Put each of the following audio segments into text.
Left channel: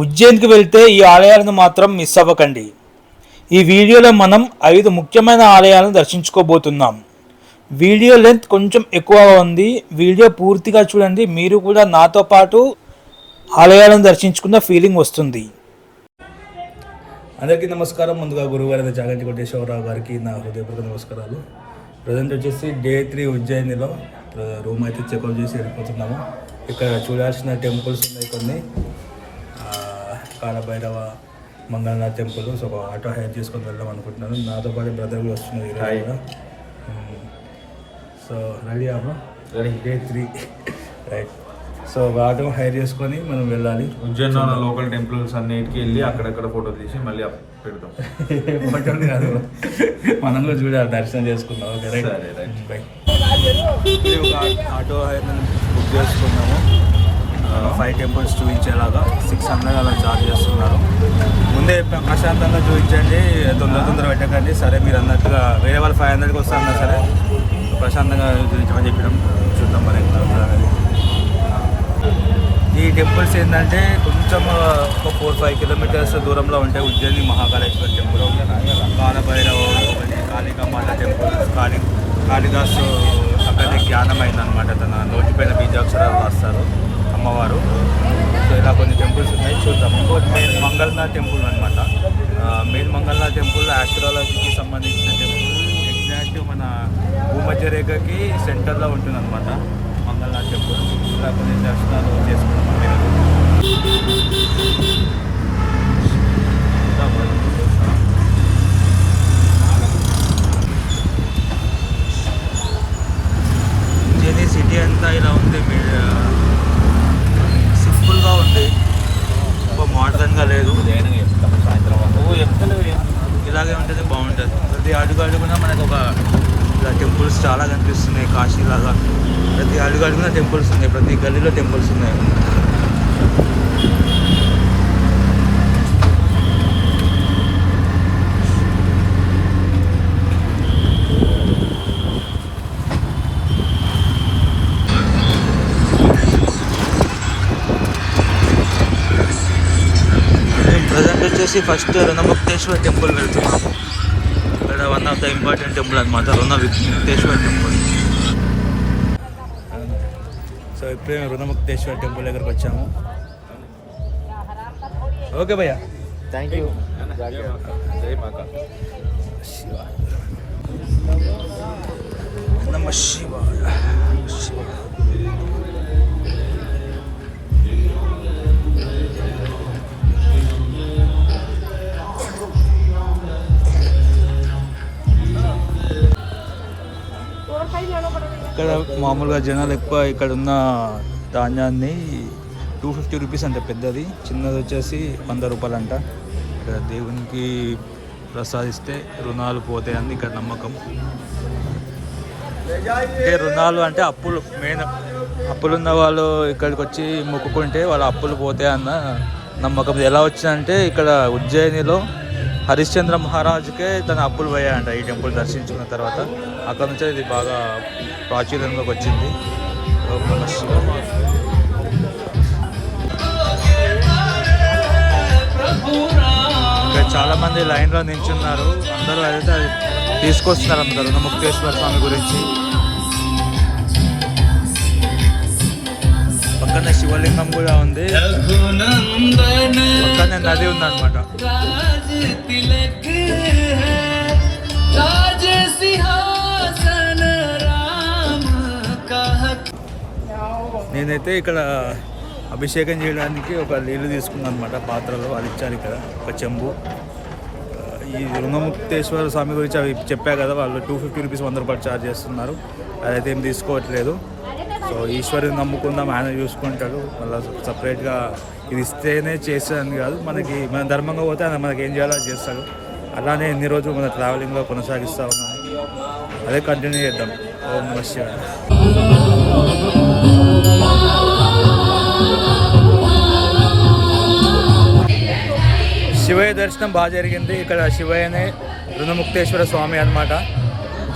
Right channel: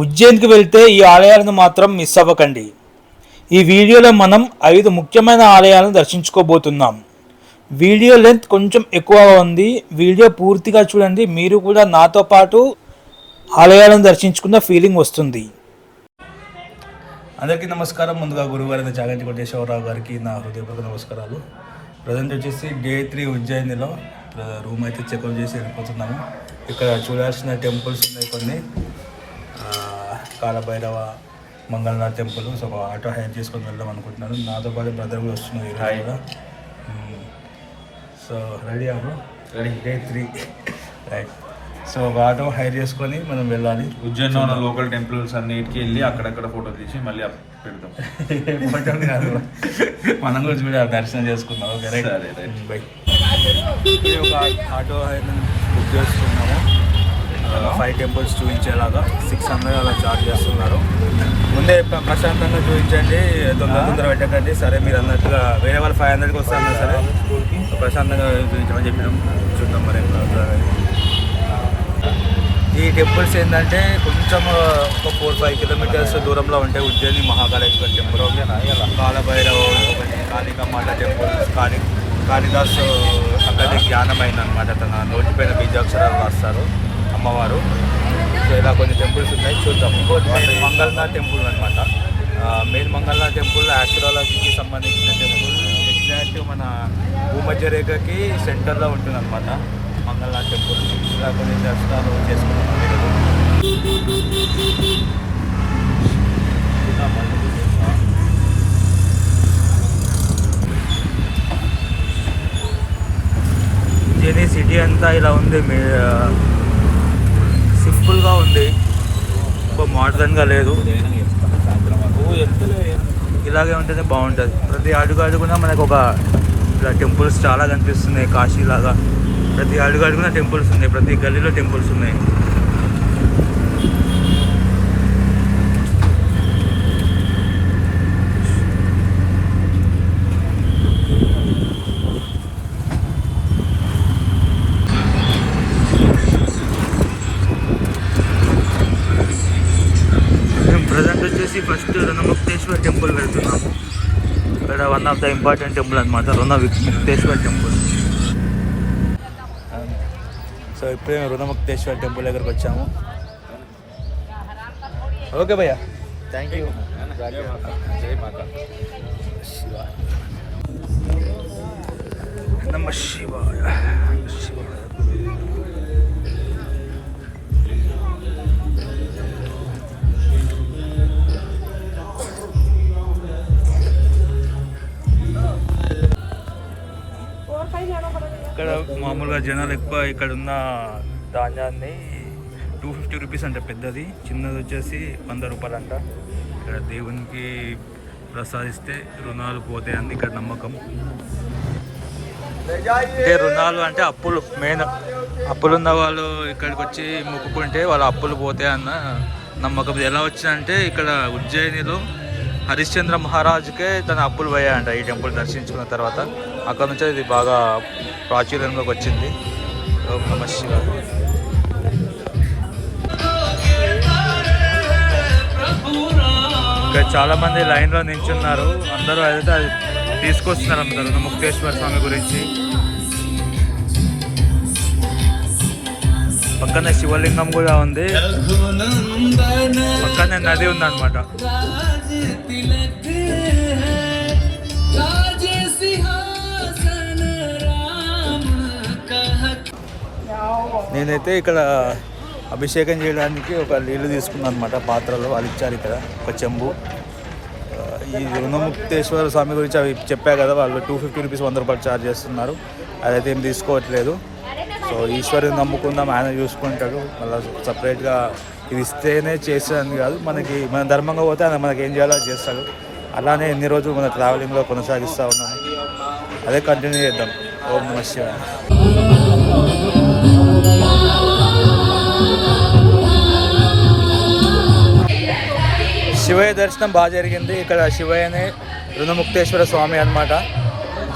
ఉజ్జయిన్కి వెళ్తే ఈ ఆలయాలను మాత్రం మిస్ అవ్వకండి. ఈ వీడియోలో మనం 5 ముఖ్యమైన ఆలయాలను దర్శించుకోబోతున్నాం. వీడియో లెంత్ కొంచెం ఎక్కువగా ఉంది. వీడియో పూర్తిగా చూడండి, మీరు కూడా నాతో పాటు ఆలయాలను దర్శించుకున్న ఫీలింగ్ వస్తుంది. అందరికీ నమస్కారం. ముందుగా గురువారి చాగంటి కోటేశ్వరరావు గారికి నా హృదయపూర్వక నమస్కారాలు. ప్రజెంట్ వచ్చేసి డే 3 ఉజ్జయినిలో రూమ్ అయితే చెక్అవుట్ చేసి వెళ్ళిపోతున్నాము. ఇక్కడ చూడాల్సిన టెంపుల్స్ ఉన్నాయి కొన్ని, కాలభైరవ, మంగళనాథ్ టెంపుల్. సో ఒక ఆటో హైర్ చేసుకొని వెళ్దాం అనుకుంటున్నాను. నాతో పాటు బ్రదర్ కూడా వస్తున్నారు ఈరోజు కూడా. సో రెడీ అవ్వ రెడీ డే 3 రైట్. సో ఒక ఆటో హైర్ చేసుకొని మనం వెళ్ళాలి. ఉజ్జయిన్లో ఉన్న లోకల్ టెంపుల్స్ అన్నిటికీ వెళ్ళి అక్కడక్కడ ఫోటో తీసి మళ్ళీ పెడతాం. ఫోటో కాదు, మనం కూడా చూడాలి, దర్శనం చేసుకుందాం. Okay right right by. ఒక ఆటో హైర్ బుక్ చేసుకున్నాము. 5 టెంపుల్స్ చూపించేలాగా 600 అలా ఛార్జ్ చేస్తున్నారు. ముందే ప్రశాంతంగా చూపించండి, తొందర పెట్టకండి. సరే మీరు అన్నట్టుగా వేరే వాళ్ళు 500కి వస్తారన్నా సరే ప్రశాంతంగా చూపించమని చెప్పినాం. చూద్దాం మరి ఎట్లా అవుతుంది. ఈ టెంపుల్స్ ఏంటంటే కొంచెం ఒక 4-5 కిలోమీటర్స్ దూరంలో ఉంటాయి. ఉజ్జయిని మహాకాళేశ్వర టెంపుల్, కాలభైరవ ఒకటి, కాళికామాత టెంపుల్. కాళిదాసు అక్కడే జ్ఞానం అయిందనమాట, తన నోటిపైన బీజాక్షరాలు రాస్తారు అమ్మవారు. సో ఇలా కొన్ని టెంపుల్స్ ఉన్నాయి, చూద్దాం. ఇంకోటి మెయిన్ మంగళనాథ్ టెంపుల్ అనమాట. మెయిన్ మంగళనాథ్ టెంపుల్ ఆస్ట్రాలజీకి సంబంధించిన టెంపుల్. ఎగ్జాక్ట్ మన భూమధ్య రేఖకి సెంటర్లో ఉంటుంది అనమాట మంగళనాథ్ టెంపుల్. ఇలా కొన్ని దర్శనాలు చేసుకున్నాం. ఉజ్జయిని సిటీ అంతా ఇలా ఉంది, సింపుల్గా ఉంది, మోడర్న్గా లేదు. ఇలాగే ఉంటేనే బాగుంటుంది. ప్రతి అడుగున మనకు ఒక ఇలా టెంపుల్స్ చాలా కనిపిస్తున్నాయి, కాశీలాగా. ప్రతి అడుగున టెంపుల్స్ ఉన్నాయి, ప్రతి గల్లీలో టెంపుల్స్ ఉన్నాయి. ప్రజెంట్ వచ్చేసి ఫస్ట్ రుణముక్తేశ్వర టెంపుల్ వెళ్తున్నాము. ఇక్కడ one of the important temple అనమాట, రుణముక్తేశ్వర టెంపుల్. సో ఇప్పుడే రుణముక్తేశ్వర టెంపుల్ దగ్గరకు వచ్చాము. ఓకే భయ్యా, థ్యాంక్ యూ. జై మాతా శివాయ నమ శివాయ. ఇక్కడ మామూలుగా జనాలు ఎక్కువ. ఇక్కడ ఉన్న ధాన్యాన్ని 250 రూపీస్ అంట పెద్దది, చిన్నది వచ్చేసి 100 రూపాయలు అంట. ఇక్కడ దేవునికి ప్రసాదిస్తే రుణాలు పోతాయని ఇక్కడ నమ్మకం. అంటే రుణాలు అంటే అప్పులు, మెయిన్ అప్పులున్న వాళ్ళు ఇక్కడికి వచ్చి మొక్కుకుంటే వాళ్ళ అప్పులు పోతాయన్న నమ్మకం. ఎలా వచ్చిందంటే ఇక్కడ ఉజ్జయినిలో హరిశ్చంద్ర మహారాజుకే తన అప్పులు పోయాయంట ఈ టెంపుల్ దర్శించుకున్న తర్వాత. అక్కడ నుంచి ఇది బాగా ప్రాచుర్యంలోకి వచ్చింది. ఓం నమః శివాయ. ఇక్కడ చాలామంది లైన్లో నిల్చున్నారు, అందరూ అయితే అది తీసుకొస్తున్నారు అందరూ రుణముక్తేశ్వర స్వామి గురించి. పక్కనే శివలింగం కూడా ఉంది, పక్కనే నది ఉందన్నమాట. నేనైతే ఇక్కడ అభిషేకం చేయడానికి ఒక నీళ్ళు తీసుకున్నాను అనమాట, పాత్రలో. వాళ్ళు ఇచ్చారు ఇక్కడ ఒక చెంబు. ఈ రుణముక్తేశ్వర స్వామి గురించి అవి చెప్పా కదా, వాళ్ళు 250 రూపీస్ 100 రూపాయలు ఛార్జ్ చేస్తున్నారు. అదైతే ఏం తీసుకోవట్లేదు. సో ఈశ్వరుని నమ్ముకుందాం, ఆయన చూసుకుంటాడు. మళ్ళీ సపరేట్గా ఇది ఇస్తేనే చేస్తాడని కాదు, మనకి మన ధర్మంగా పోతే ఆయన మనకి ఏం చేయాలో చేస్తాడు. అలానే ఎన్ని రోజులు మన ట్రావెలింగ్లో కొనసాగిస్తూ ఉన్నాము, అదే కంటిన్యూ చేద్దాం. ఓం నమః శివాయ. శివయ్య దర్శనం బాగా జరిగింది. ఇక్కడ శివయ్యనే రుణముక్తేశ్వర స్వామి అన్నమాట.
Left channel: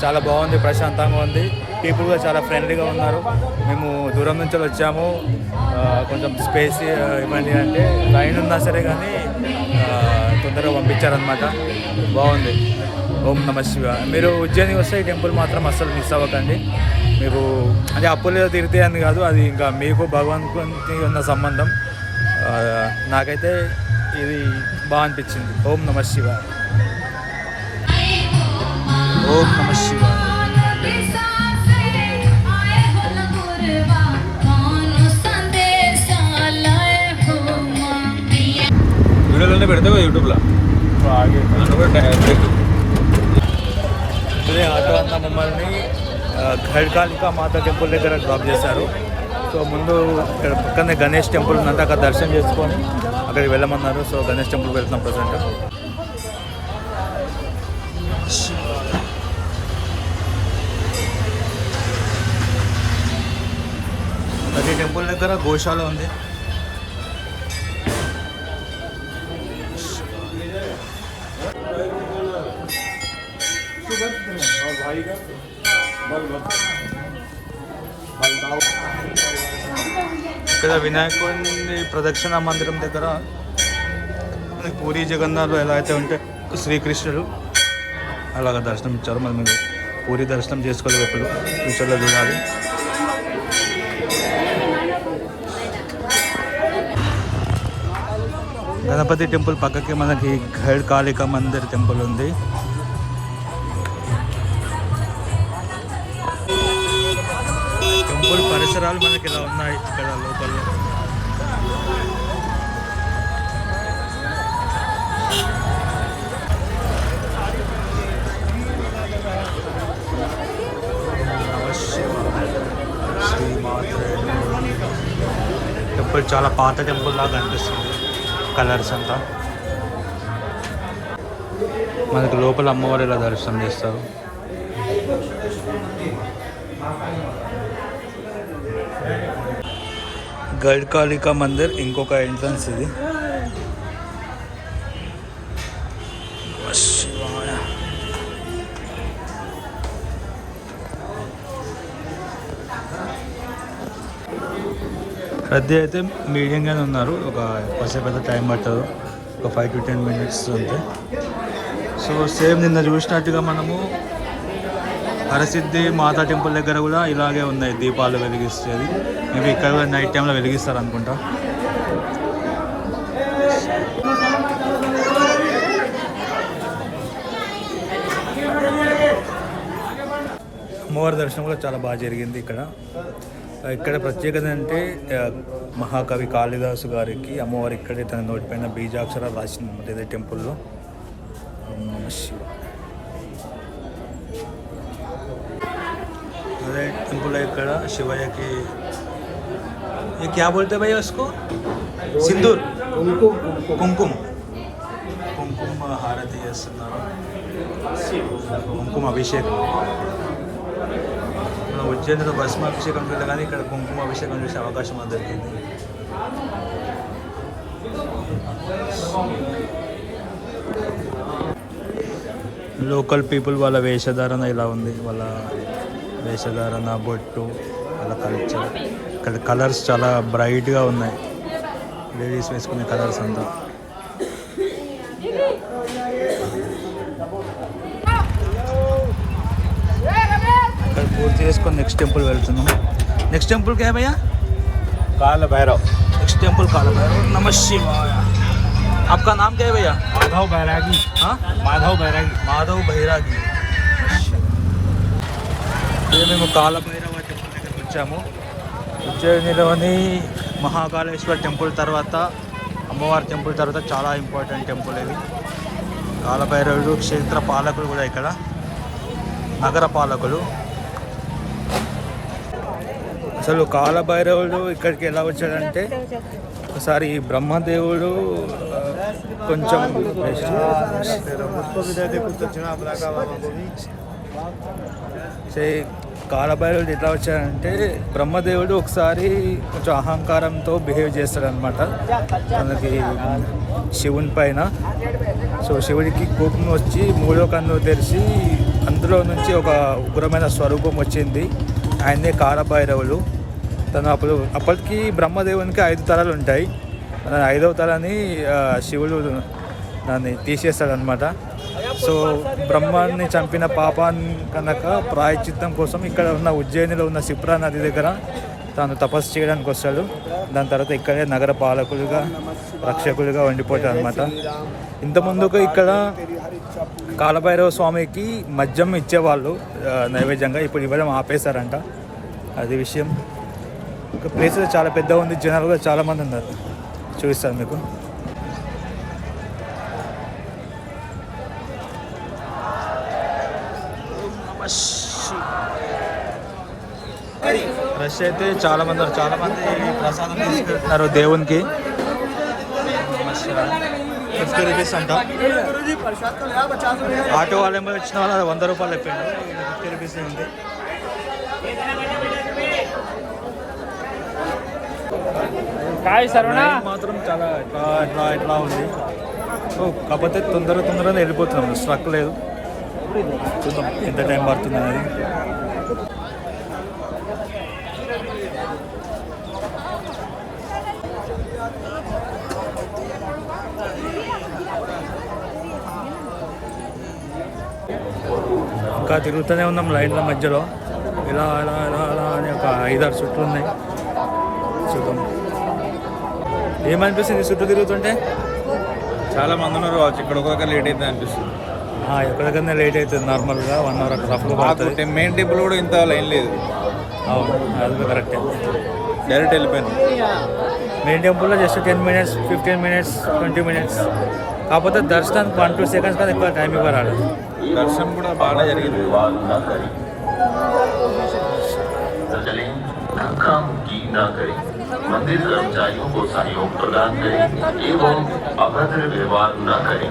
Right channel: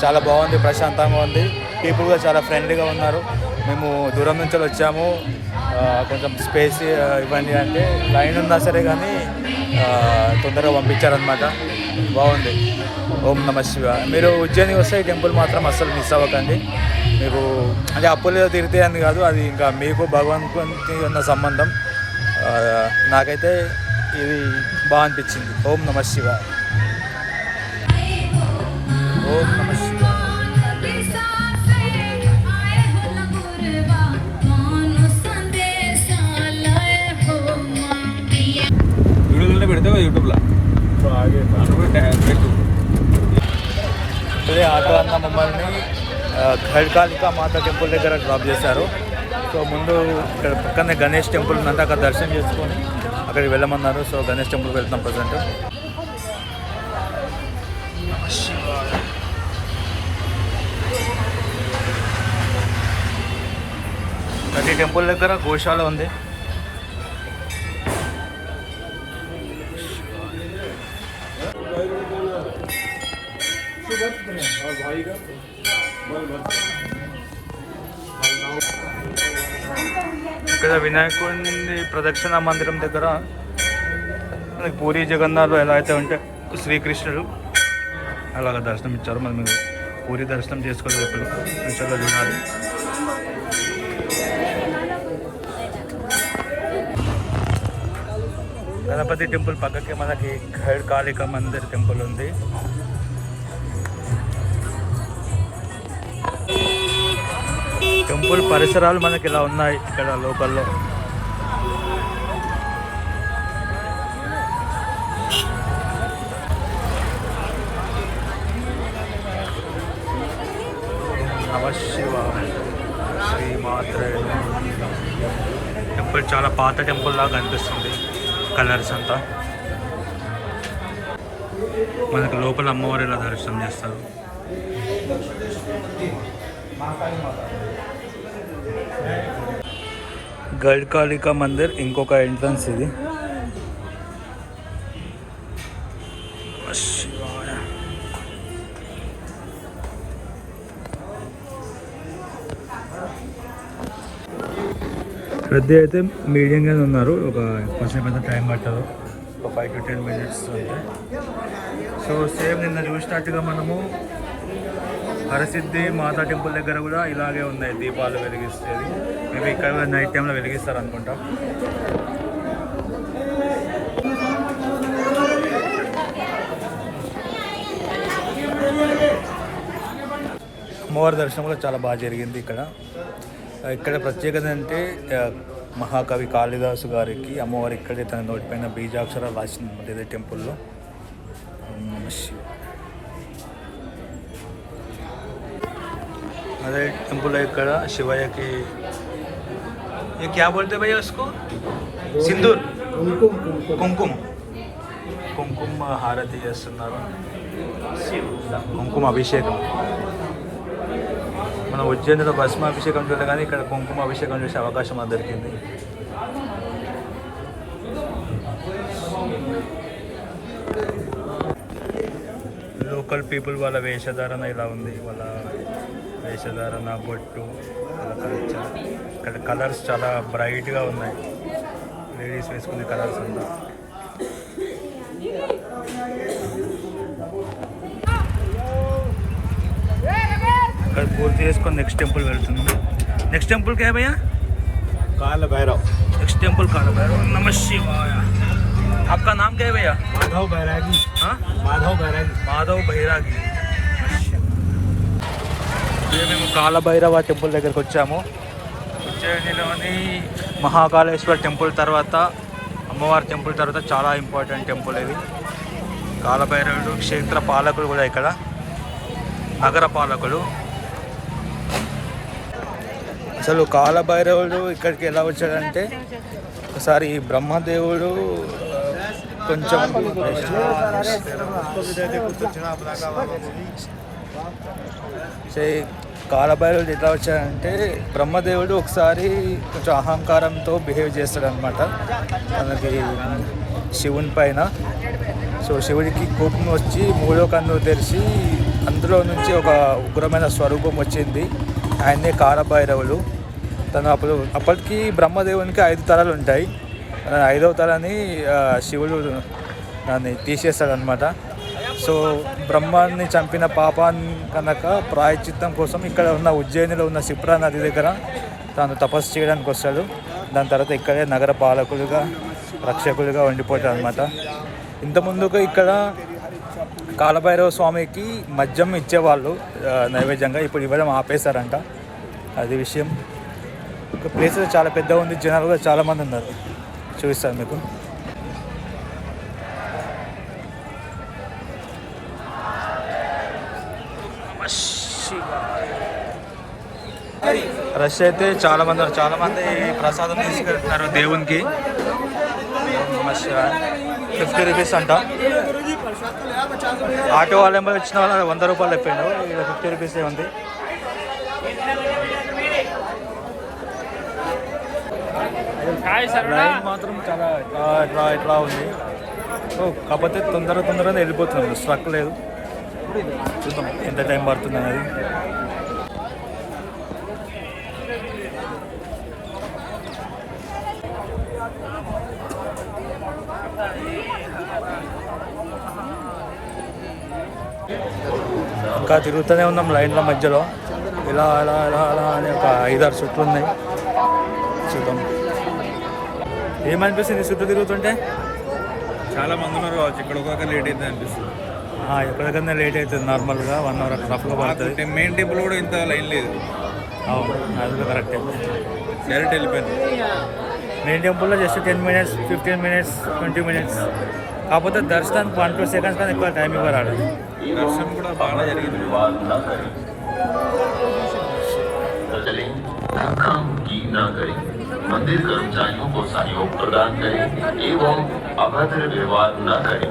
చాలా బాగుంది, ప్రశాంతంగా ఉంది. పీపుల్ కూడా చాలా ఫ్రెండ్లీగా ఉన్నారు. మేము దూరం నుంచి వచ్చాము, కొంచెం స్పేస్ ఇవ్వండి అంటే లైన్ ఉన్నా సరే కానీ తొందరగా పంపించారనమాట. బాగుంది. ఓం నమ శివ. మీరు ఉజ్జయిని వస్తే ఈ టెంపుల్ మాత్రం అస్సలు మిస్ అవ్వకండి. మీకు అంటే అప్పులు తీరితే అని కాదు, అది ఇంకా మీకు భగవంతునికి ఉన్న సంబంధం. నాకైతే ఇది బాగా అనిపించింది. ఓం నమ శివ. వీడియోలన్నీ పెడితే యూట్యూబ్లో అదే ఆటో అన్న మమ్మల్ని ఖడ్కాళికా మాత టెంపుల్ దగ్గర డ్రాప్ చేశారు. సో ముందు ఇక్కడ పక్కనే గణేష్ టెంపుల్ ఉందంటే అక్కడ దర్శనం చేసుకొని అక్కడికి వెళ్ళమన్నారు. సో గణేష్ టెంపుల్కి వెళ్తున్నాం ప్రజెంట్. ప్రతి టెంపుల్ దగ్గర గోశాల ఉంది. ఇక్కడ వినాయకుడి ప్రదక్షిణ మందిరం దగ్గర మనకి పూరి జగన్నాథ్ ఎలా అయితే ఉంటే శ్రీకృష్ణుడు అలాగ దర్శనం ఇచ్చారు. మనం పూరి దర్శనం చేసుకోవాలి. ఎప్పుడు ఫ్యూచర్లో చూడాలి. గణపతి టెంపుల్ పక్కకి మనకి ఖడ్కాళికా మందిర్ టెంపుల్ ఉంది. టెంపుల్ పరిసరాలు మనకి ఇలా ఉన్నాయి ఇక్కడ లోకల్లో. నమ శివ. శ్రీమాత్రే నమః. టెంపుల్ చాలా పాత టెంపుల్ లాగా అనిపిస్తుంది. కలర్స్ అంతా మనకు లోపల అమ్మవారు ఇలా దర్శనం చేస్తారు. ఖడ్కాళికా మందిర్ ఇంకొక ఎంట్రన్స్ ఇది. శివాయ. రద్దీ అయితే మీడియంగానే ఉన్నారు. ఒక కొంచెం పెద్ద టైం పట్టదు, ఒక 5 to 10 minutes అంతే. సో సేమ్ నిన్న చూసినట్టుగా మనము హరసిద్ధి మాతా టెంపుల్ దగ్గర కూడా ఇలాగే ఉన్నాయి దీపాలు వెలిగిస్తుంది. మేబీ ఇక్కడ కూడా నైట్ టైంలో వెలిగిస్తారు అనుకుంటా. అమ్మవారి దర్శనం కూడా చాలా బాగా జరిగింది ఇక్కడ. ఇక్కడ ప్రత్యేకత అంటే మహాకవి కాళిదాసు గారికి అమ్మవారు ఇక్కడే తన నోటిపైన బీజాక్షరాలు రాసిందన్నమాట ఇదే టెంపుల్లో. ఓం నమ శివ. अरे टेम्पल है ఇక్కడ శివయ్యకి ये क्या बोलते हैं भैया उसको? सिंदूर కుంకుమ కుంకుమ హారతి చేస్తున్నారు. కుంకుమ అభిషేకం. మన ఉజ్జయినిలో భస్మ అభిషేకం చూడలే కానీ ఇక్కడ కుంకుమ అభిషేకం చూసే అవకాశం మాకు దొరికింది. లోకల్ పీపుల్ వాళ్ళ వేషధారణ ఇలా ఉంది. వాళ్ళ వేషధారణ, బొట్టు, వాళ్ళ కల్చర్. ఇక్కడ కలర్స్ చాలా బ్రైట్గా ఉన్నాయి. లేడీస్ వేసుకునే కలర్స్ అంతా. ఇక్కడ పూర్తి చేసుకొని నెక్స్ట్ టెంపుల్ వెళ్తున్నాం. నెక్స్ట్ టెంపుల్ क्या है भैया? काल भैरव. नेक्स्ट टेम्पल काल भैरव. नमः शिवाय. आपका नाम क्या है भैया? माधव बैरागी. हाँ, माधव बैरागी. మాధవ్ బైరాగి. మేము కాలభైరవ టెంపుల్ దగ్గరికి వచ్చాము. ఉజ్జయినిలోని మహాకాళేశ్వర టెంపుల్ తర్వాత, అమ్మవారి టెంపుల్ తర్వాత చాలా ఇంపార్టెంట్ టెంపుల్ ఇది. కాలభైరవుడు క్షేత్ర పాలకుడు కూడా ఇక్కడ, నగర పాలకుడు. అసలు కాలభైరవుడు ఇక్కడికి ఎలా వచ్చాడంటే, ఒకసారి బ్రహ్మదేవుడు కొంచెం కాలభైరవుడు ఎట్లా వచ్చాడంటే, బ్రహ్మదేవుడు ఒకసారి కొంచెం అహంకారంతో బిహేవ్ చేస్తాడనమాట తనకి శివుని పైన. సో శివుడికి కోపం వచ్చి మూడో కన్ను తెరిచి అందులో నుంచి ఒక ఉగ్రమైన స్వరూపం వచ్చింది. ఆయనే కాలభైరవుడు. తను అప్పటికి బ్రహ్మదేవునికి 5 తలలు ఉంటాయి. 5వ తలని శివుడు దాన్ని తీసేస్తాడనమాట. సో బ్రహ్మాన్ని చంపిన పాపాన్ని కనుక ప్రాయశ్చిత్తం కోసం ఇక్కడ ఉన్న ఉజ్జయినిలో ఉన్న సిప్రా నది దగ్గర తాను తపస్సు చేయడానికి వస్తాడు. దాని తర్వాత ఇక్కడే నగర పాలకులుగా రక్షకులుగా ఉండిపోతాడు అనమాట. ఇంతకుముందుకు ఇక్కడ కాలభైరవ స్వామికి మద్యం ఇచ్చేవాళ్ళు నైవేద్యంగా, ఇప్పుడు ఇవ్వడం ఆపేశారంట. అది విషయం. ఒక ప్లేస్ చాలా పెద్దగా ఉంది, జనాలు కూడా చాలామంది ఉన్నారు. చూపిస్తాను మీకు. రష్ అయితే చాలామంది ఉన్నారు. చాలామంది ప్రసాదం తీసుకెళ్తున్నారు దేవునికి. 50 రూపీస్ అంట. ఆటో వాళ్ళు ఏమో ఇచ్చిన వాళ్ళు 100 రూపాయలు అయిపోయాడు. ఇక్కడ 50 రూపీసే ఉంది. లైన్ మాత్రం చాలా ఇట్లా ఉంది. కాకపోతే తొందరగా వెళ్ళిపోతున్నాం, స్ట్రక్ లేదు. చూద్దాం ఎంత టైం పడుతుంది అనేది. ఇంకా తిరుగుతూనే ఉన్నాం లైన్ల మధ్యలో. ఇలా అలా అలా అలా అని ఒక 5-6 చుట్లు ఉన్నాయి. చూద్దాం ఏమనిపిస్తుంది చుట్టూ తిరుగుతుంటే. చాలా మంది ఉన్నారు కావచ్చు. ఇక్కడ ఒక లేట్ అయితే అనిపిస్తుంది. ఎక్కడికన్నా లేట్ అవుతుంది. నార్మల్గా 1 అవర్ అట్లా రఫ్గా పడుతుంది. మెయిన్ టెంపుల్ కూడా ఇంత లైన్ లేదు. అవును, అది కూడా కరెక్టే. డైరెక్ట్ వెళ్ళిపోయింది. మెయిన్ టెంపుల్లో జస్ట్ 10 మినిట్స్, 15 మినిట్స్, 20 మినిట్స్. కాకపోతే దర్శనానికి 1-2 సెకండ్స్ కానీ ఎక్కువ టైం ఇవ్వరాడు. దర్శనం కూడా బాగా జరిగింది. मंदिर कर्मचारियों को सहयोग प्रदान करें एवं अभद्र व्यवहार न करें।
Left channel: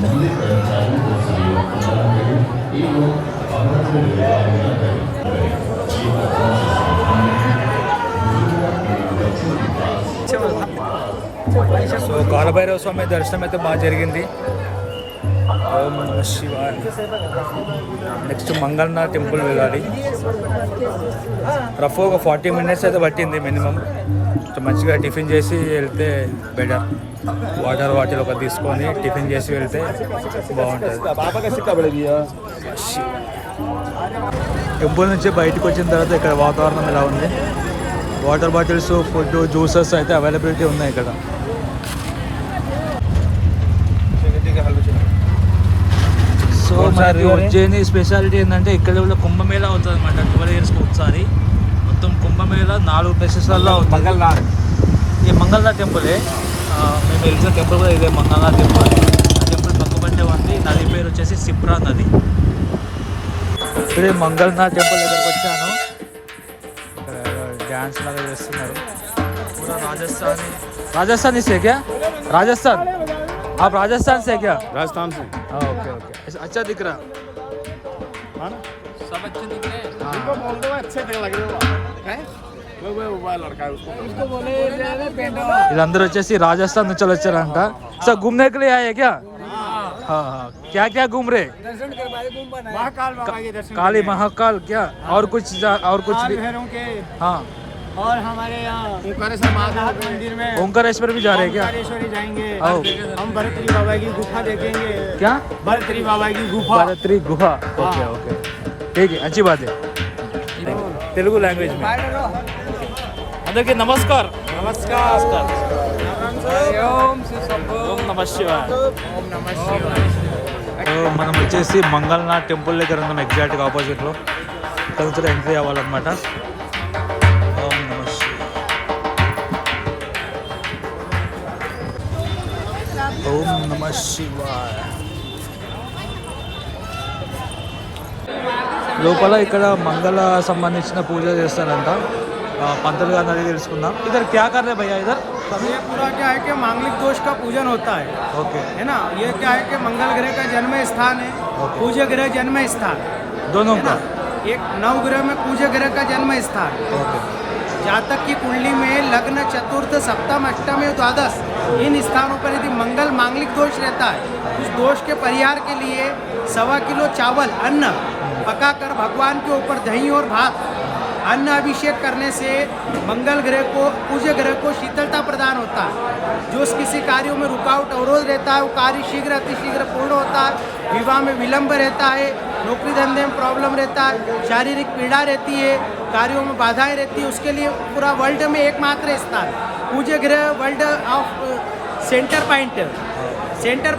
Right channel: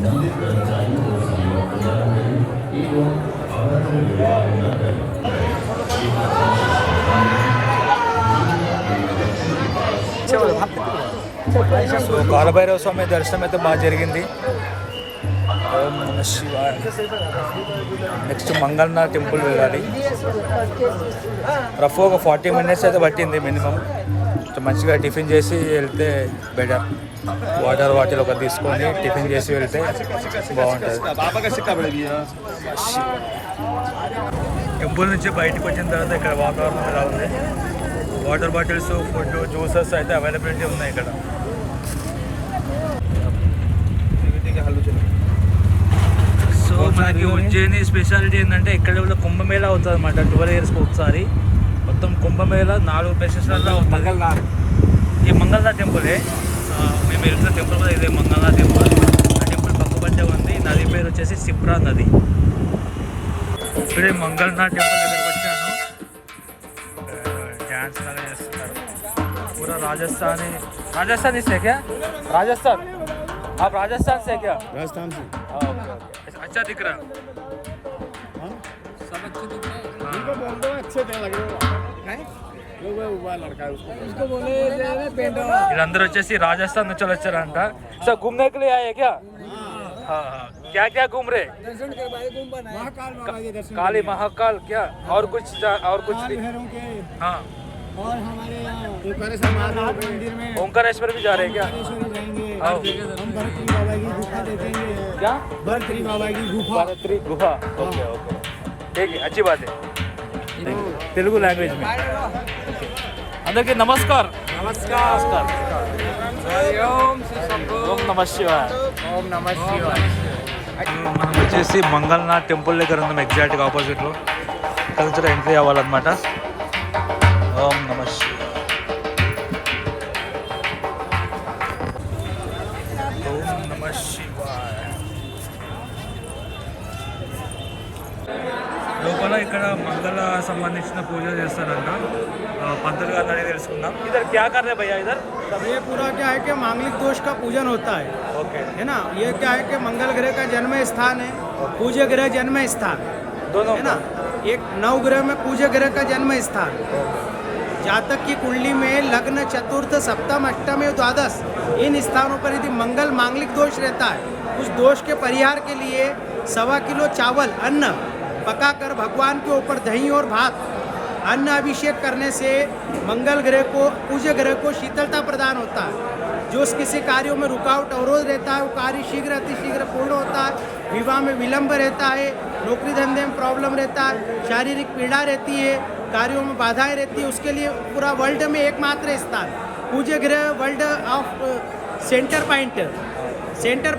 मंदिर कर्मचारियों को सहयोग प्रदान करें एवं अभद्र व्यवहार न करें। సో కాలభైరవ స్వామి దర్శనం అయితే బాగా జరిగింది. ఓం నమ శివాయ. నెక్స్ట్ మంగళనాథ్ టెంపుల్ వెళ్ళాలి. రఫ్ ఒక 40 మినిట్స్ అయితే పట్టింది మినిమం. మంచిగా టిఫిన్ చేసి వెళ్తే బెటర్. వాటర్ ఒక తీసుకొని టిఫిన్ చేసి వెళ్తే బాగుంటుంది. టెంపుల్ నుంచి బయటకు వచ్చిన తర్వాత ఇక్కడ వాతావరణం ఎలా ఉంది. వాటర్ బాటిల్స్, ఫుడ్, జ్యూసెస్ అయితే అవైలబిలిటీ ఉన్నాయి ఇక్కడ. సో మనకి ఉజ్జయిని స్పెషాలిటీ ఏంటంటే ఇక్కడ కూడా కుంభమేళా అవుతుంది అన్నమాట. 12 ఇయర్స్కి ఒకసారి మొత్తం కుంభమేళా 4 ప్లేసెస్లలో అవుతుంది. ఈ మంగళనాథ్ టెంపులే మేము వెళ్తున్న టెంపుల్ కూడా ఇదే మంగళనాథ్ టెంపుల్. ఆ టెంపుల్ పక్కపంటే ఉంది. నది పేరు వచ్చేసి సిప్రా నది. ఇప్పుడే మంగళనాథ్ టెంపుల్ దగ్గరకు వచ్చాను. డ్యాన్స్ లాగా చేస్తున్నారు. పూరా राजस्थानी से क्या? राजस्थान, आप राजस्थान से क्या? राजस्थान से। अच्छा दिख रहा, सब अच्छे दिख रहे हैं। उनको बोल दो अच्छे लग रहे हो। वो लड़का है उसको बोले पेंट వీళ్ళందరూ వచ్చేసి రాజస్థాన్ నుంచి వచ్చారంట. సో घूमने के लिए आए क्या? हाँ, क्या क्या घूम रहे? दर्शन के बाद घूम बना है। महाकाल बाबा के दर्शन, काली महाकाल क्या और कुछ भैरव के, हाँ, और हमारे यहाँ ओंकारेश्वर महादेव मंदिर में ओंकारेश्वर भी जा रहे हैं क्या? ओंकारेश्वरी जाएंगे। आओ। हम भरतरी बाबा की गुफा देखेंगे। क्या? भरतरी बाबा की गुफा। भारतरी गुफा, हाँ, ठीक है, अच्छी बात है. తెలుగు లాంగ్వేజ్ में అందరికీ నమస్కార్. ఓం నమ శివాయ. మనం వచ్చేసి మంగళనాథ్ టెంపుల్ దగ్గర ఉన్నాం, ఎగ్జాక్ట్గా ఆపోజిట్లో. ఇక్కడ నుంచి ఎంట్రీ అవ్వాలన్నమాట. ఓం నమ శివాయ. ఓం నమ శివాయ. లోపల ఇక్కడ మంగళ సంబంధించిన పూజ చేస్తారంట. పంతులు గారిని అడిగి తెలుసుకుందాం. ఇద్దరు క్యా కర్నే భయ్యా ఇద్దరు? ये पूरा क्या है कि मांगलिक दोष का पूजन होता है, है ना. ये क्या है कि मंगल ग्रह का जन्म स्थान है, पूज्य ग्रह जन्म स्थान दोनों है ना. एक नवग्रह में पूज्य ग्रह का जन्म स्थान. जातक की कुंडली में लग्न, चतुर्थ, सप्तम, अष्टम एवं द्वादश इन स्थानों पर यदि मंगल मांगलिक दोष रहता है उस दोष के परिहार के लिए 1.25 किलो चावल अन्न पकाकर भगवान के ऊपर दही और भात अन्न अभिषेक करने से मंगल ग्रह को पूज्य ग्रह को शीतलता प्रदान होता है। जो किसी कार्यों में रुकावट अवरोध रहता है वो कार्य शीघ्र अतिशीघ्र पूर्ण होता है। विवाह में विलंब रहता है, नौकरी धंधे में प्रॉब्लम रहता है, शारीरिक पीड़ा रहती है, कार्यों में बाधाएं रहती है, उसके लिए पूरा वर्ल्ड में एकमात्र स्थान पूज्य ग्रह वर्ल्ड ऑफ सेंटर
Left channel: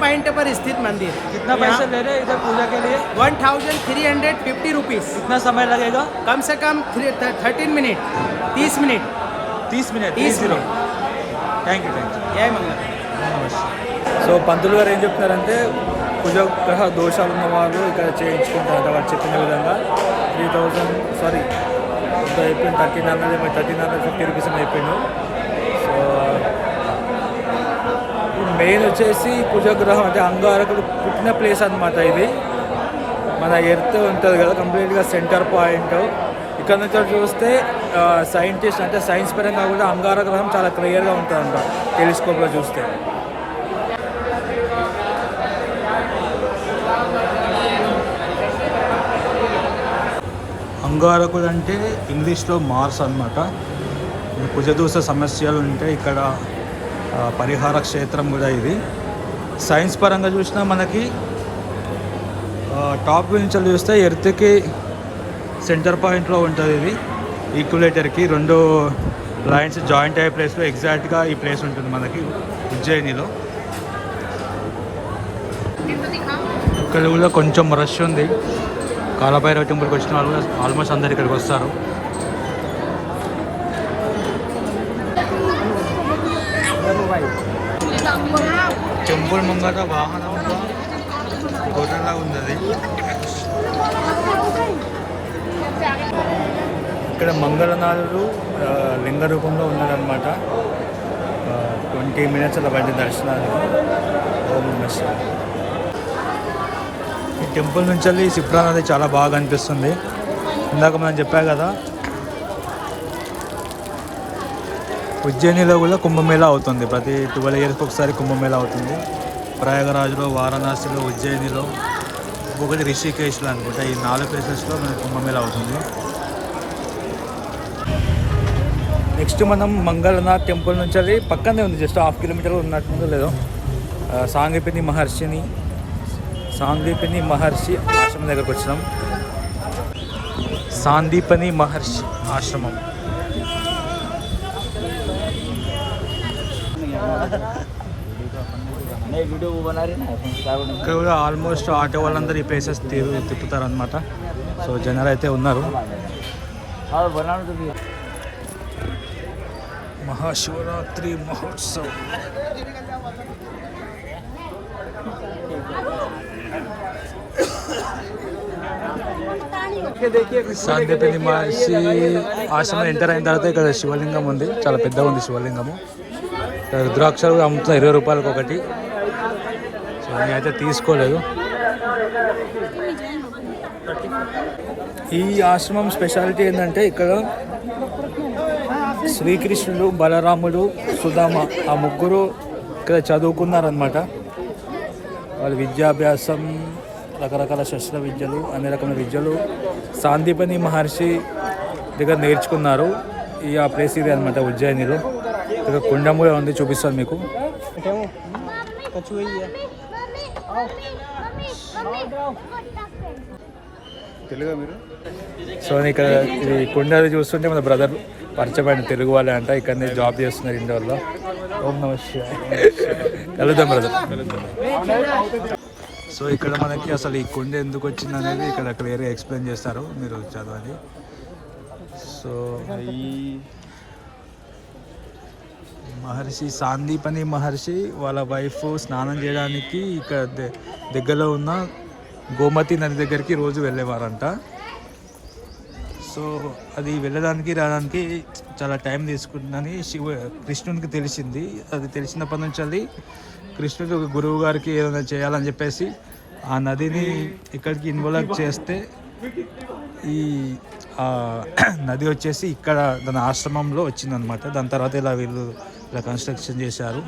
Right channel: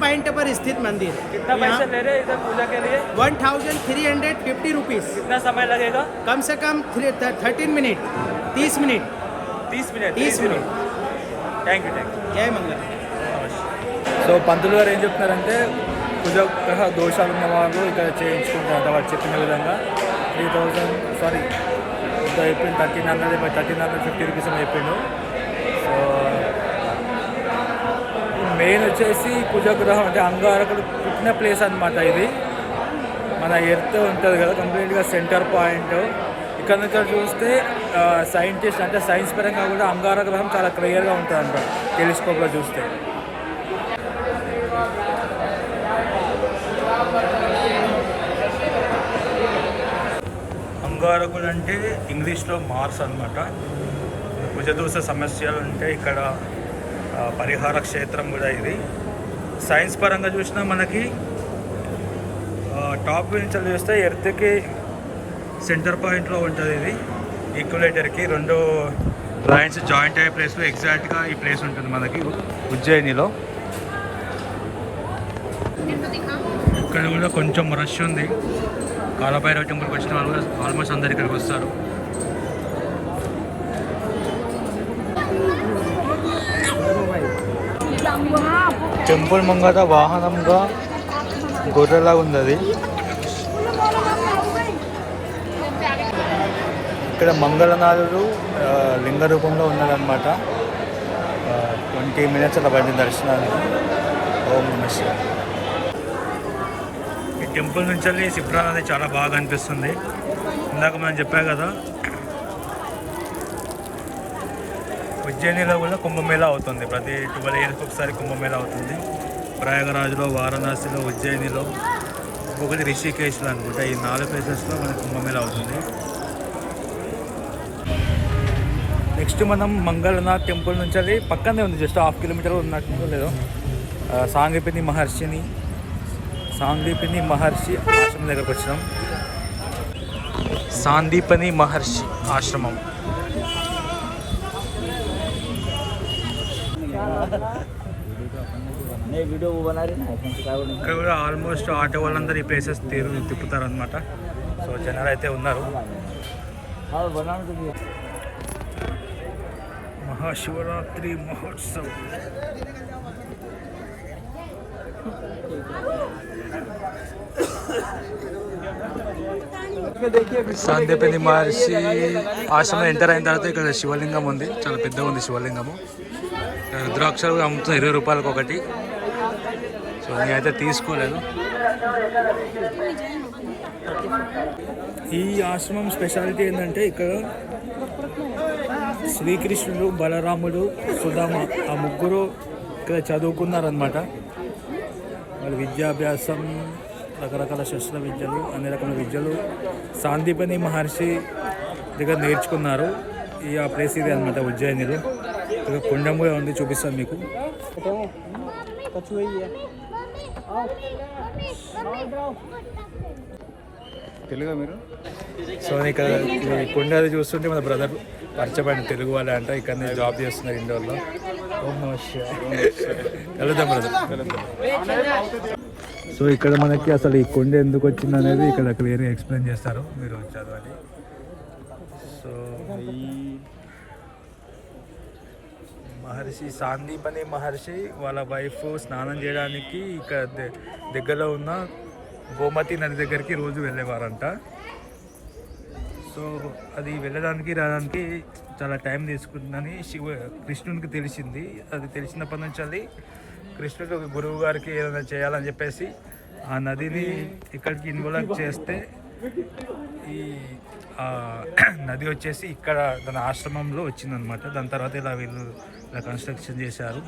पॉइंट पर स्थित मंदिर। कितना पैसे ले रहे हैं इधर पूजा के लिए? 1350 रुपीज़। कितना समय लगेगा? कम से कम 13 minute 30 minute 30 minute. 30 minute. Thank you జై మంగళ. సో పంతులు గారు ఏం చెప్తున్నారంటే కుజగ్రహ దోషాలు ఉన్న వాళ్ళు ఇక్కడ చేయించుకుంటారంట. వాళ్ళు చెప్పిన విధంగా 3000 సారీ ఇంకా అయిపోయింది 1350 రూపీస్ ఏమో అయిపోయిండు. సో మెయిన్ వచ్చేసి కుజగ్రహం అంటే అంగారకుడు పుట్టిన ప్లేస్ అనమాట. ఇది మన ఎర్త్ ఉంటుంది కదా కంప్లీట్గా సెంటర్ పాయింట్. ఇక్కడ నుంచి చూస్తే సైంటిస్ట్ అంటే సైన్స్ పరంగా కూడా అంగార గ్రహం చాలా క్లియర్గా ఉంటుందంట టెలిస్కోప్లో చూస్తే. అంగారకుడు అంటే ఇంగ్లీష్లో మార్స్ అన్నమాట. కుజదోష సమస్యలు ఉంటే ఇక్కడ పరిహార క్షేత్రం కూడా ఇది. సైన్స్ పరంగా చూసినా మనకి టాప్ నుంచి చూస్తే ఎర్త్కి సెంటర్ పాయింట్లో ఉంటుంది. ఇది ఈక్వలేటర్కి 2 లైన్స్ జాయింట్ అయ్యే ప్లేస్లో ఎగ్జాక్ట్గా ఈ ప్లేస్ ఉంటుంది మనకి ఉజ్జయినిలో. ఇక్కడ కూడా కొంచెం రష్ ఉంది. కాలభైరవ టెంపుల్కి వచ్చిన వాళ్ళు కూడా ఆల్మోస్ట్ అందరు ఇక్కడికి వస్తారు. టెంపుల్ ముంగట వాహనంగా గొర్రెలా ఉంది అది. ఇక్కడ మంగళనాథుడు లింగ రూపంలో ఉన్నాడనమాట. 20 మినిట్స్ అలా పడింది దర్శనానికి. ఓం నమః శివాయ. ఈ టెంపుల్ నుంచి వెళ్ళి సిప్రా నది చాలా బాగా అనిపిస్తుంది. ఇందాక మనం చెప్పా కదా ఉజ్జయినిలో కూడా కుంభమేళా అవుతుంది. ప్రతి 12 ఇయర్స్కి ఒకసారి కుంభమేళా అవుతుంది. ప్రయాగరాజ్లో, వారణాసిలో, ఉజ్జయినిలో, ఇంకొకటి రిషికేశ్లో అనుకుంటా. ఈ 4 ప్లేసెస్లో మనకి కుంభమేళా అవుతుంది. నెక్స్ట్ మనం మంగళనాథ్ టెంపుల్ నుంచి అది పక్కనే ఉంది, జస్ట్ 1/2 కిలోమీటర్ ఉన్నట్టు లేదో. సాందీపని మహర్షి ఆశ్రమం దగ్గరకు వచ్చినాం. సాందీపని మహర్షి ఆశ్రమం. ఇక్కడ కూడా ఆల్మోస్ట్ ఆటో వాళ్ళందరూ ఈ ప్లేసెస్ తిప్పుతారనమాట. సో జనాలు అయితే ఉన్నారు. మహాశివరాత్రి మహోత్సవ్. సాందీపని మహర్షి ఆశ్రమం ఎంటర్ అయిన తర్వాత ఇక్కడ శివలింగం ఉంది. చాలా పెద్దగా ఉంది శివలింగము. రుద్రాక్షలు అమ్ముతున్నా 20 రూపాయలకు ఒకటి. సో నేనైతే తీసుకోలేదు. ఈ ఆశ్రమం స్పెషాలిటీ ఏంటంటే ఇక్కడ శ్రీకృష్ణుడు, బలరాముడు, సుధామ ఆ ముగ్గురు ఇక్కడ చదువుకున్నారనమాట. వాళ్ళ విద్యాభ్యాసం, రకరకాల శస్త్ర విద్యలు, అన్ని రకమైన విద్యలు సాందీపని మహర్షి దగ్గర నేర్చుకున్నారు. ఆ ప్లేస్ ఇది అనమాట ఉజ్జయినిలో. ఇక్కడ కొండ కూడా ఉంది, చూపిస్తాను మీకు. సో ఇక్కడ ఈ కొండ చూస్తుంటే మన బ్రదర్ పరిచయమైన తెలుగు వాళ్ళే అంట. ఇక్కడ జాబ్ చేస్తున్నారు ఇండోర్లో. ఓం నమః శివాయ. కలుద్దాం బ్రదర్. సో ఇక్కడ మనకి అసలు ఈ కొండ ఎందుకు వచ్చింది అనేది ఇక్కడ క్లియర్గా ఎక్స్ప్లెయిన్ చేస్తారు, మీరు చదవాలి. సో ఈ మహర్షి సాందీపని మహర్షి వాళ్ళ వైఫ్ స్నానం చేయడానికి ఇక్కడ దగ్గరలో ఉన్న గోమతి నది దగ్గరికి రోజు వెళ్ళేవారంట. సో అది వెళ్ళడానికి రావడానికి చాలా టైం తీసుకుంటుందని కృష్ణునికి తెలిసింది. అది తెలిసినప్పటి నుంచి అది కృష్ణుడు గురువు గారికి ఏదైనా చేయాలని చెప్పేసి ఆ నదిని ఇక్కడికి ఇన్వాల్వ్ చేస్తే ఈ నది వచ్చేసి ఇక్కడ దాని ఆశ్రమంలో వచ్చిందనమాట. దాని తర్వాత ఇలా వీళ్ళు ఇలా కన్స్ట్రక్షన్ చేశారు.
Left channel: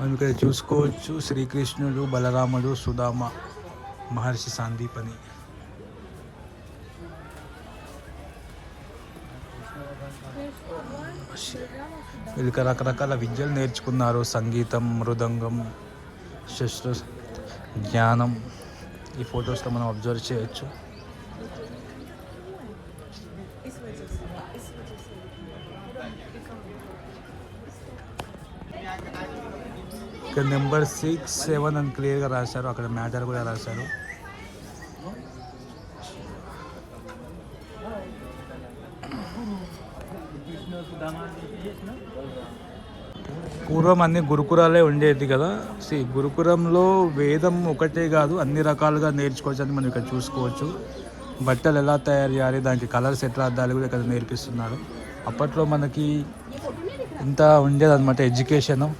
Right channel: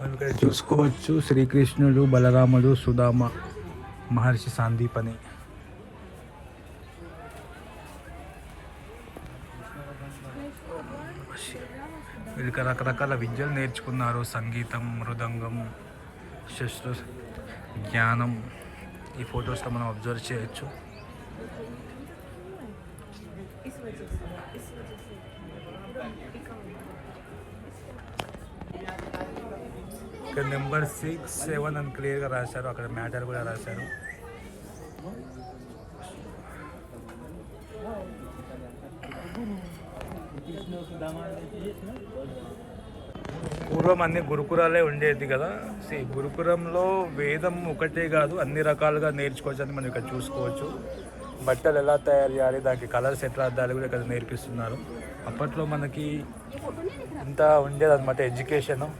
మనం ఇక్కడ చూసుకోవచ్చు శ్రీకృష్ణుడు, బలరాముడు, సుధామ, మహర్షి సాందీపని. వీళ్ళకి రకరకాల విద్యలు నేర్చుకున్నారు, సంగీతం, మృదంగం, శస్త్ర జ్ఞానం. ఈ ఫొటోస్లో మనం అబ్జర్వ్ చేయొచ్చు. ఇక్కడ నెంబర్ 6, 7 అని క్లియర్గా రాశారు, అక్కడ మ్యాటర్ కూడా రాశారు. పూర్వం అన్ని గురుకులాలే ఉండేది కదా. గురుకులంలో వేదం ఒకటే కాదు, అన్ని రకాలుగా నేర్చుకోవచ్చు అని మనం ఇక్కడ చూసుకోవచ్చు. బట్టలు ఎలా తయారు చేయాలి, దానికి కలర్స్ ఎట్లా అద్దాలి కూడా ఇక్కడ నేర్పిస్తున్నారు. అప్పట్లో మనకి ఎంత ఉండేదన్నమాట ఎడ్యుకేషను.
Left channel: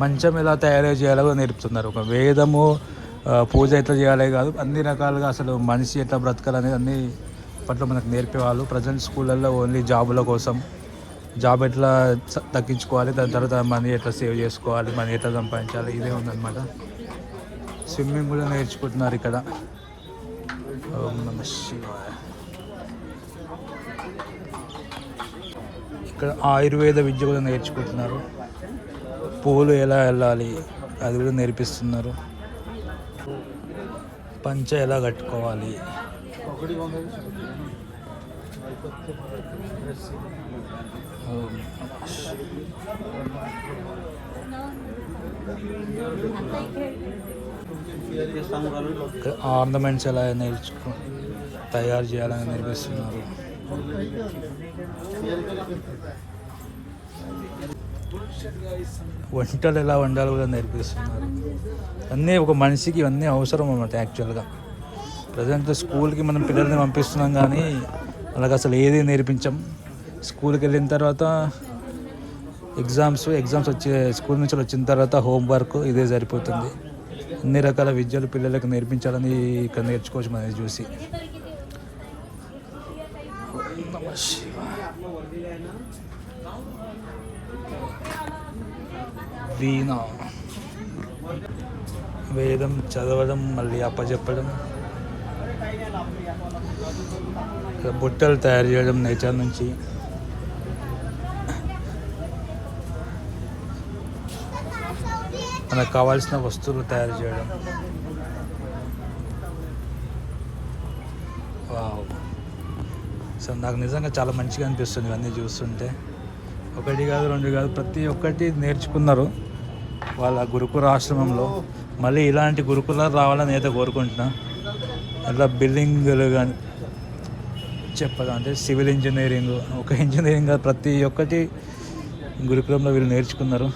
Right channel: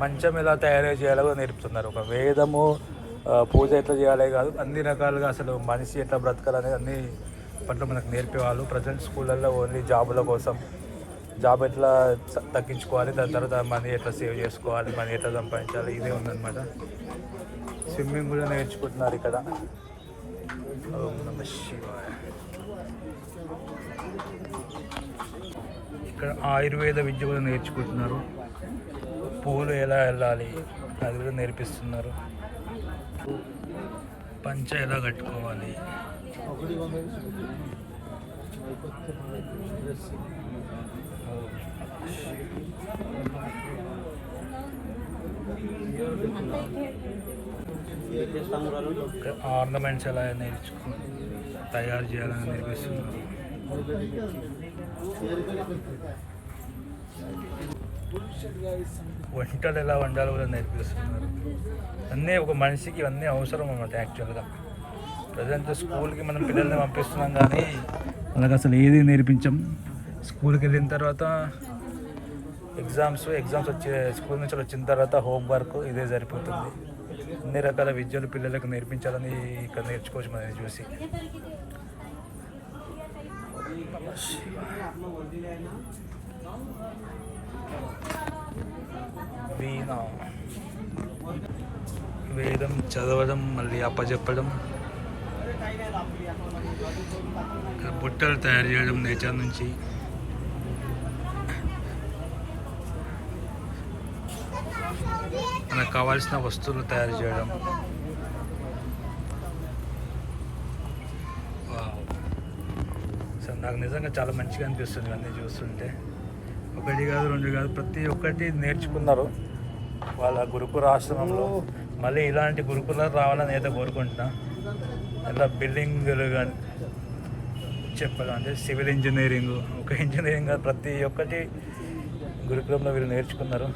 మంచం ఎలా తయారు చేయాలో నేర్పుతున్నారు. ఒక వేదము, పూజ ఎట్లా చేయాలి కాదు, అన్ని రకాలుగా అసలు మనిషి ఎట్లా బ్రతకాలని అన్నీ అప్పట్లో మనకు నేర్పేవాళ్ళు. ప్రజెంట్ స్కూళ్ళల్లో ఓన్లీ జాబుల కోసం, జాబ్ ఎట్లా దక్కించుకోవాలి, దాని తర్వాత మనీ ఎట్లా సేవ్ చేసుకోవాలి, మనీ ఎట్లా సంపాదించాలి, ఇదే ఉందన్నమాట. స్విమ్మింగ్ కూడా నేర్చుకుంటున్నారు ఇక్కడ. ఓం నమః శివాయ. ఇక్కడ ఆయుర్వేద విద్య కూడా నేర్చుకుంటున్నారు. పూలు ఎలా వెళ్ళాలి అది కూడా నేర్పిస్తున్నారు. పంచ ఎలా కట్టుకోవాలి, ఆర్నమెంట్స్ ఎలా తయారు చేయాలని నేర్పిస్తున్నారు. వంటలు ఎలా వండాలి కూడా నేర్పిస్తున్నారు. అన్నీ ఒక మనిషికి ఇవన్నీ అవసరం అన్నమాట. యాక్చువల్గా ప్రజెంట్ స్కూల్కి మనం పిల్లల్ని పంపిస్తున్నాం కానీ వాళ్ళకి అసలు ఏది నేర్పించాం. స్కూల్కి వెళ్ళిన తర్వాత ఎగ్జామ్స్ వచ్చే స్కూల్ నుంచి వచ్చిన తర్వాత హోంవర్క్ ఇదే సరిపోతుంది. అన్ని రకాల విద్యలు పిల్లలకు నేర్పించాలని ఇక్కడ నేర్చుకోవచ్చు మనం చూసి. వీణ, వేదం చదవడం, మళ్ళీ అప్పచెప్పడం, బుట్టలు తయారు చేయడం నేచర్ నుంచి, మనకు కావాల్సిన వస్తువులు తయారు చేయడం. వావ్. సో నాకు నిజంగా చాలా మంచిగా అనిపిస్తుంది ఇవన్నీ చూస్తుంటే. ఒకటి కాదు, రెండు కాదు, ప్రతి ఒక్కటి నేర్చుకున్నారు వాళ్ళ గురుకుల ఆశ్రమంలో. మళ్ళీ ఇలాంటి గురుకులాలు రావాలని అయితే కోరుకుంటున్నా. అట్లా బిల్డింగ్లు కానీ చెప్పడం అంటే సివిల్ ఇంజనీరింగ్, ఒక ఇంజనీరింగ్ ప్రతి ఒక్కటి గురుకులంలో వీళ్ళు నేర్చుకున్నారు.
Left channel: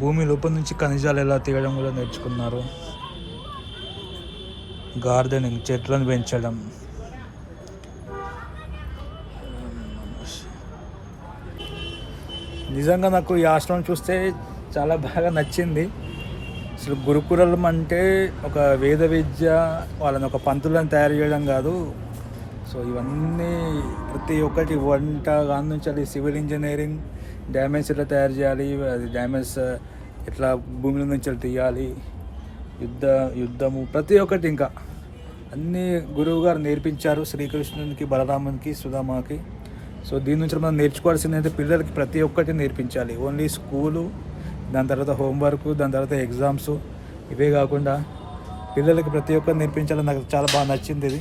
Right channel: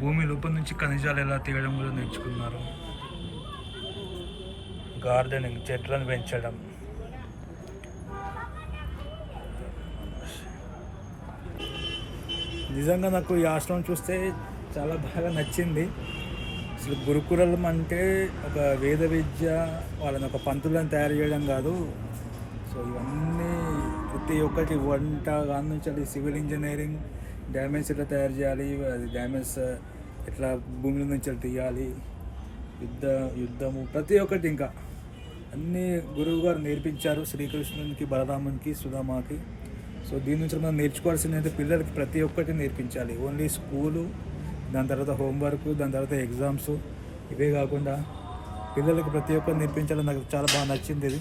భూమి లోపల నుంచి ఖనిజాలు ఎలా తీయడం కూడా నేర్చుకున్నారు. గార్డెనింగ్, చెట్లను పెంచడం. నిజంగా నాకు ఈ ఆశ్రమం చూస్తే చాలా బాగా నచ్చింది. అసలు గురుకులం అంటే ఒక వేద విద్య, వాళ్ళని ఒక పంతులను తయారు చేయడం కాదు. సో ఇవన్నీ ప్రతి ఒక్కటి వంట కాని నుంచి అది సివిల్ ఇంజనీరింగ్, డ్యామేజ్ ఎట్లా తయారు చేయాలి, అది డ్యామేజ్ ఎట్లా భూమిలో నుంచి తీయాలి, యుద్ధము, ప్రతి ఒక్కటి ఇంకా అన్నీ గురువు గారు నేర్పించారు శ్రీకృష్ణునికి, బలరామునికి, సుధామాకి. సో దీని నుంచి మనం నేర్చుకోవాల్సింది అయితే పిల్లలకి ప్రతి ఒక్కటి నేర్పించాలి. ఓన్లీ స్కూలు, దాని తర్వాత హోంవర్క్, దాని తర్వాత ఎగ్జామ్స్, ఇవే కాకుండా పిల్లలకి ప్రతి ఒక్కటి నేర్పించాలని నాకు చాలా బాగా నచ్చింది ఇది.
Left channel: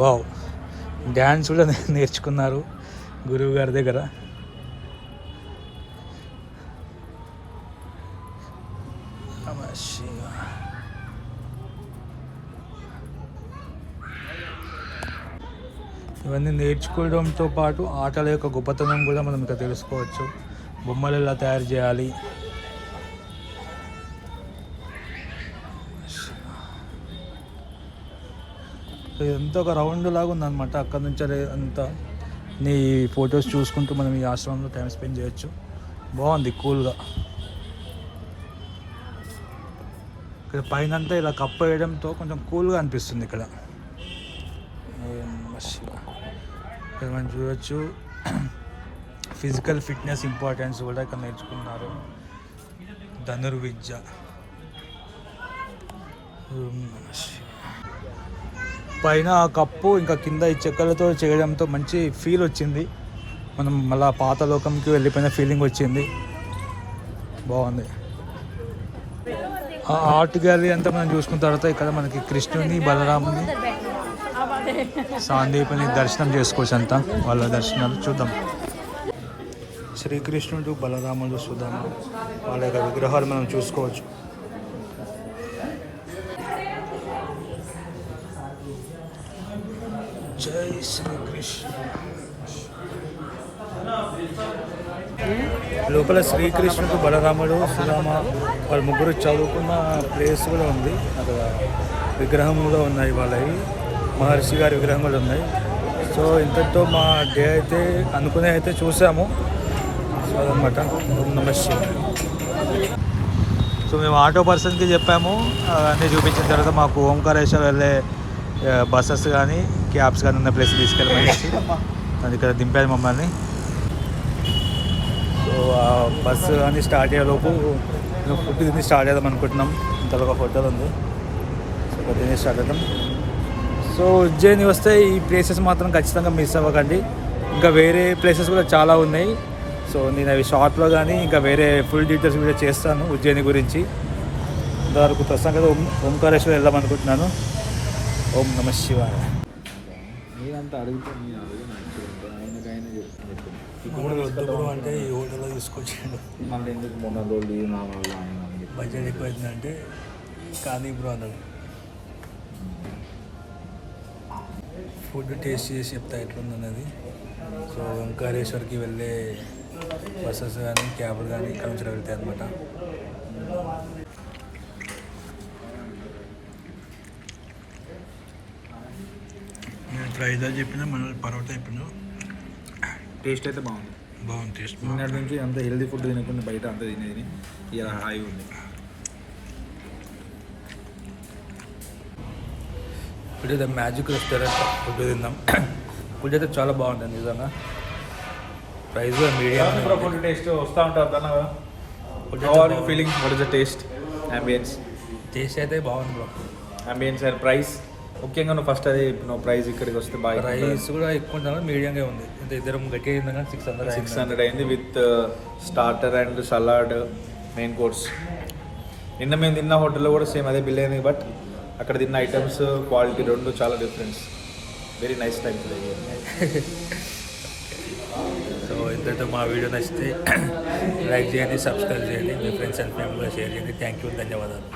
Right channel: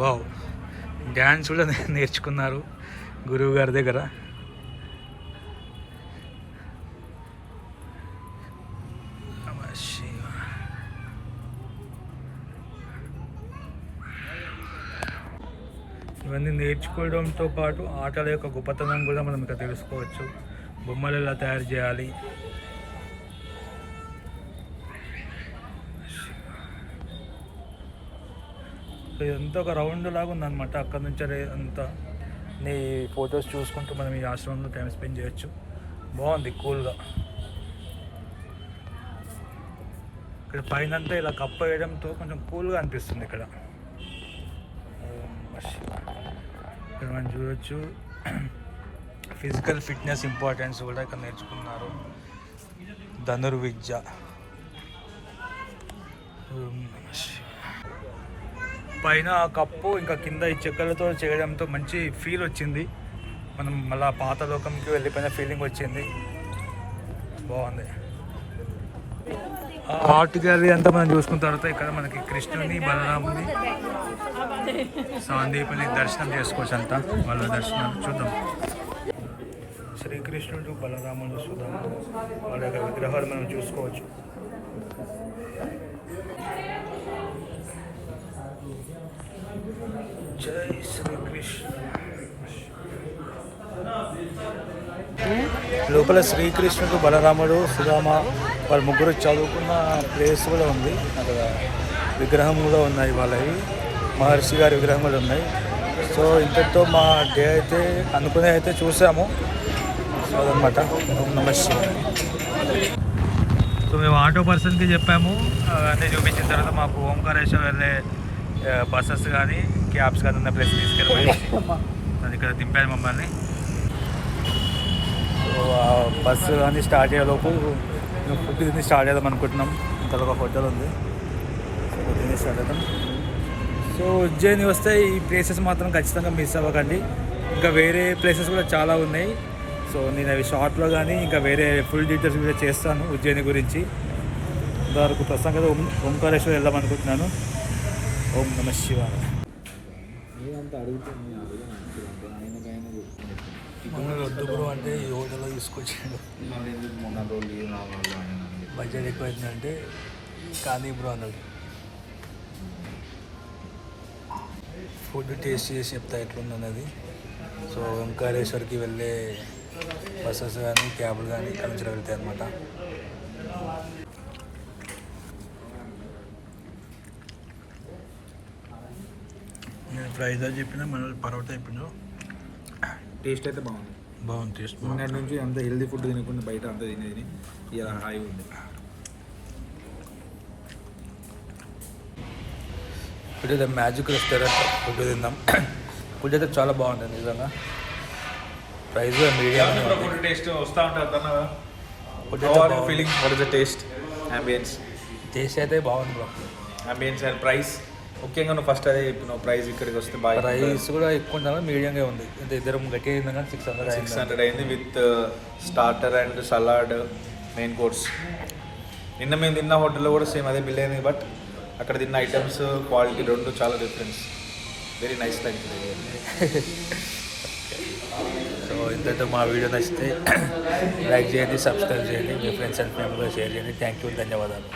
వావ్. డ్యాన్స్ కూడా నేర్చుకున్నారు గురువు గారి దగ్గర. ఇవన్నీ నేర్చుకోవడంతో పాటు ఆటల యొక్క గొప్పతనం కూడా మనం ఇక్కడ తెలుసుకోవచ్చు. బొమ్మలు ఎలా తయారు చేయాలి, ఇదంతా ఒక రౌండ్ లాగా ఉందన్నమాట. అక్కడ నుంచి అంతా నీ ఫొటోస్ చూసుకుంటూ మనం ఈ ఆశ్రమంలో టైం స్పెండ్ చేయొచ్చు. బాగుంది, కూల్గా. ఇక్కడ పైన అంతా ఇలా కప్పు వేయడంతో కొంచెం కూల్గా అనిపిస్తుంది ఇక్కడ. ఇక్కడ మనం చూడొచ్చు ఫిజికల్ ఫిట్నెస్ ఇంపార్టెన్స్ కూడా ఇక్కడ నేర్చుకున్నారు. ధనుర్విద్య. పైన ఆ కప్పు ఇంకా కింద ఈ చెక్కలతో చేయడంతో మంచి ఫీల్ వచ్చింది. మనం మళ్ళీ పాత లోకంకి వెళ్ళిపోయిన ఫీలింగ్ వచ్చింది. బాగుంది. ఆర్ట్ గ్యాలరీ అంతా మనం చూసుకున్న తర్వాత ఇక్కడ మనకి కృష్ణుని, బలరాముని, సాందీపని దర్శనం చేసుకోవచ్చు. అంతా వాళ్ళ దర్శనాలు చూద్దాం. శ్రీకృష్ణుడు, బలరాముడు, సుధామ వాళ్ళ యొక్క విగ్రహాలు మనం చూసుకోవచ్చు. జై శ్రీకృష్ణ. లోపల శ్రీకృష్ణుడు, బలరాముడు, సుధామ వాళ్ళ ముగ్గురు చదువుకున్న ప్లేస్ కూడా ఉంది. అక్కడ విగ్రహం కూడా ఉన్నాయి. వాళ్ళవి మహర్షి గారి విగ్రహం కూడా ఉన్నాయి. సో ఇంతటితో మా డే అయితే అనుకునే అయితే చూసాము. సో అదనమాట. ఓం నమః శివాయ. సో మేము ఆటో పర్సన్కి చెప్పాము అన్నీ చూపించిన తర్వాత మాకు ఓంకారేశ్వర వెళ్ళే బస్సెస్ కానీ క్యాబ్స్ కానీ ఉన్న ప్లేస్ తీసుకెళ్ళమనేసి అది ఇక్కడ దింపాడు మమ్మల్ని. సో ఆ బస్సు కానీ స్టార్ట్ అయ్యేలోపు మేము ఫుడ్ తిని స్టార్ట్ చేద్దాం అనుకుంటున్నాం. ఇంతలో ఒక హోటల్ ఉంది. సో ఇక్కడ తిని స్టార్ట్ అవుతాం. సో ఉజ్జయిని వస్తే ఈ ప్లేసెస్ మాత్రం ఖచ్చితంగా మిస్ అవ్వకండి. ఇంకా వేరే ప్లేసెస్ కూడా చాలా ఉన్నాయి. సో నేను అవి షార్ట్లో కానీ ఇంకా వేరే ఫుల్ డీటెయిల్స్ కూడా చేస్తాను ఉజ్జయిని గురించి. ఇంతవరకు ప్రస్తుతం కదా ఓంకారేశ్వర వెళ్దాం అనుకుంటున్నాను. ఓం నమః శివాయ. మన వద్దు బ్రో అంటే ఈ హోటల్లో తీసుకొచ్చాడు. బడ్జెట్ ఎక్కువ అవుతుందంటే కానీ బ్రో అన్నాడు. ఫుడ్ టేస్ట్ చేసి చెప్తా ఎట్లుందన్నది. సో ఓంకారేశ్వర్కి వెళ్ళే బస్సెస్ కానీ క్యాబ్లు కానీ ఇక్కడ నుంచి వెళ్తాయి అన్నమాట. నేను ప్రైజ్ అని చెప్పిన మన పరోటా చెప్పిన టేస్ట్ అయితే బాగుంది. టేస్ట్ నిన్నటి నుంచి అంత హెల్దీ ఫుడ్ తినకుండా బయట అంతా తినేది ఇలా హాయిగా ఉంది. ఇప్పుడు మ్యాజిక్ రెస్టారెంట్ ఫుడ్ తిందాం. ఫుడ్ అయితే చాలా బాగుంటుంది నిజంగా. Price medium. టేస్ట్ వస్తూ ఉంటుంది. Feeling what is the taste, ambience? Taste అయితే బాగుంది బ్రో. అంబియన్స్ అండ్ ప్రైస్ ముఖ్యంగా నువ్వు ఫస్ట్ అదే నువ్వు ప్రైస్ ఇక్కడికి వస్తే బాగా. ప్రైస్ కూడా ఎక్కువ ఉంటుంది, మీడియంగా ఉంది. అంటే ఇద్దరం గట్టిగా అయింది కానీ 600 అయింది with starter and salad main course. నిన్న మేము తిన్న హోటల్లో కూడా సేమ్ అదే బిల్ అయింది. బట్ అక్కడ తిన్న ఐటమ్స్ క్వాలిటీ రెండు చాలా difference. Very nice time today. So ఇంతతో మా వీడియో నచ్చితే లైక్ చేయండి, సబ్స్క్రైబ్ చేయండి, మీ ఫ్రెండ్స్ అండ్ ఫ్యామిలీగా షేర్ చేయండి. థ్యాంక్ యూ, ధన్యవాదాలు.